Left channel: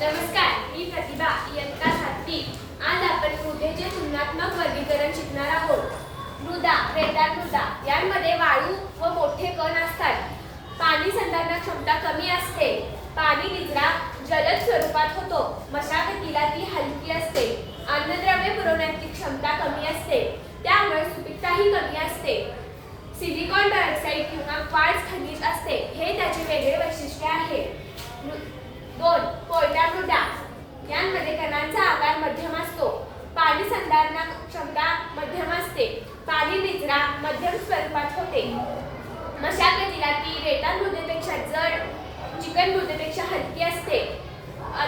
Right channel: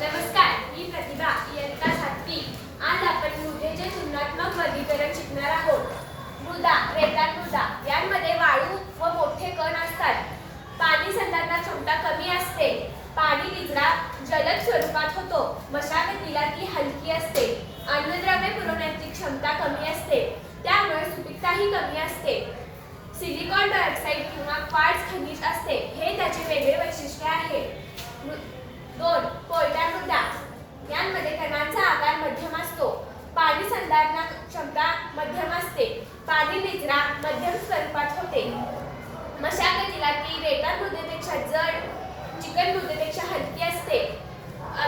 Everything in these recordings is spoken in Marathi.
नमस्कार, मी प्रतिभा इयत्ता 7वी। आज आपण मृदेचे तुलनात्मक वर्गीकरण शिकणार आहोत। मृदा, रेताळ मृदा यांमध्ये वाळू व मोठे कण असतात। पाणी संधारण क्षमता कमी असते। पाणी निचरा जलद स्वरूपात होतो। मशागतीला ती हलकी असते। अन्नद्रव्ये पुरवण्याची क्षमता कमी असते, त्यामुळे सुपीकताही कमी असते। सिलिकॉन डायऑक्साइड किंवा क्वार्ट्ज खनिज असते, हे त्याचे वेगळे वैशिष्ट्य आहे। 2. कोरड्या मृदा यांमध्ये कणांचा आकार मध्यम असतो। पाणी संधारण क्षमता मध्यम असते। पाणी निचरा मध्यम स्वरूपात होते। मशागतीला ती रेताळ मृदेपेक्षा जड, चिकन मृदेपेक्षा हलकी असते।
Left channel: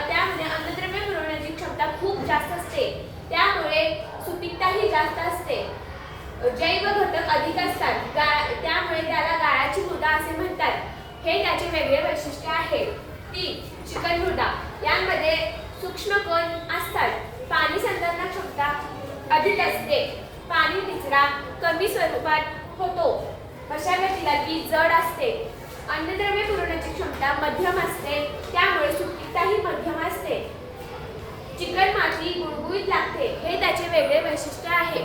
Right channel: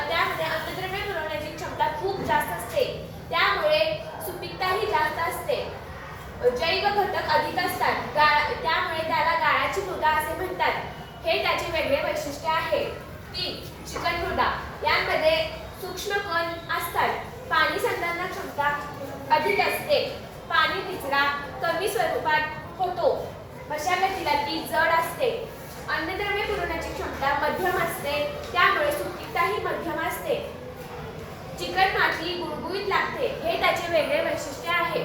त्यामध्ये अन्नद्रव्ये पुरवण्याची क्षमता खूप जास्त असते, त्यामुळे सुपीकताही जास्त असते। जैव घटक अधिक असतात, त्यामुळे त्याला गाळाची मृदा असे म्हणतात, हे त्याचे वेगळे वैशिष्ट्य आहे। 3. चिकन मृदा यांमध्ये सूक्ष्म कण असतात। पाणी संधारण क्षमता अधिक असते। पाणी निचरा कमी स्वरूपात होतो। मशागतीला ती जड असते। अन्नद्रव्ये पुरवण्याची क्षमता मध्यम असते, त्यामुळे सुपीकताही मध्यम असते। चिकन माती गुळगुळीत लागते, हे त्याचे वेगळे वैशिष्ट्य आहे।